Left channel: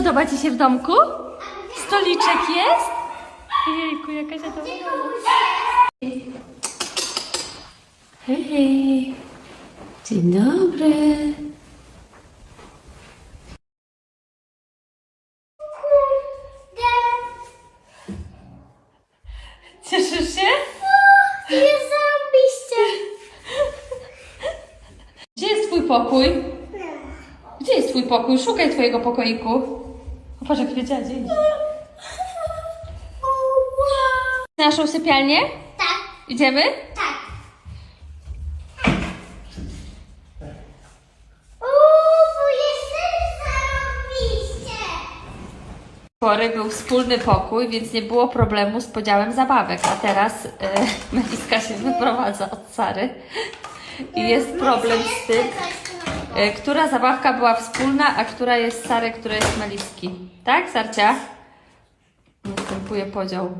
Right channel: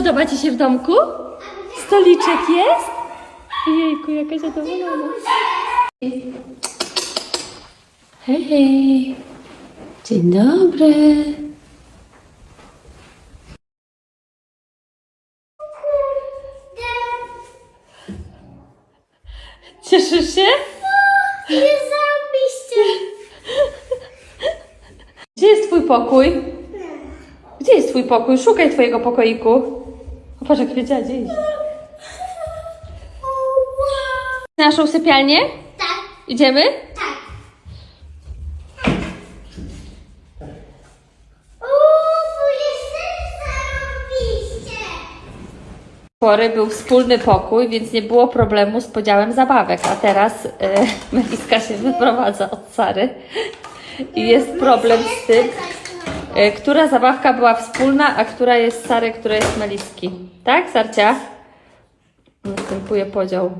Podoba Ci się w domku? Stoliczek jest? Jejku, jaka zadowolona. Hej, hej. Dzień dobry. Cieszysz się? Nie zarobiście. Gdzie jest Twój pokój? Gdzie jest Twój pokój? Szukaj Twojego pokoiku. Patrz, jak wiedziała, gdzie jest. Naszą sypialnię? Tak, Idziemy? tak. Uuu, jest zarobiście. pory był wspólny pokój, więc nie było problemu z podziałem zabawek, a teraz e, Meliska się wyprowadza od Sary i jest problem z tym, e, która zabawka była wspólna, a która jest Sary, która jest Meliski. Tak, Sarcia? Następuje podział.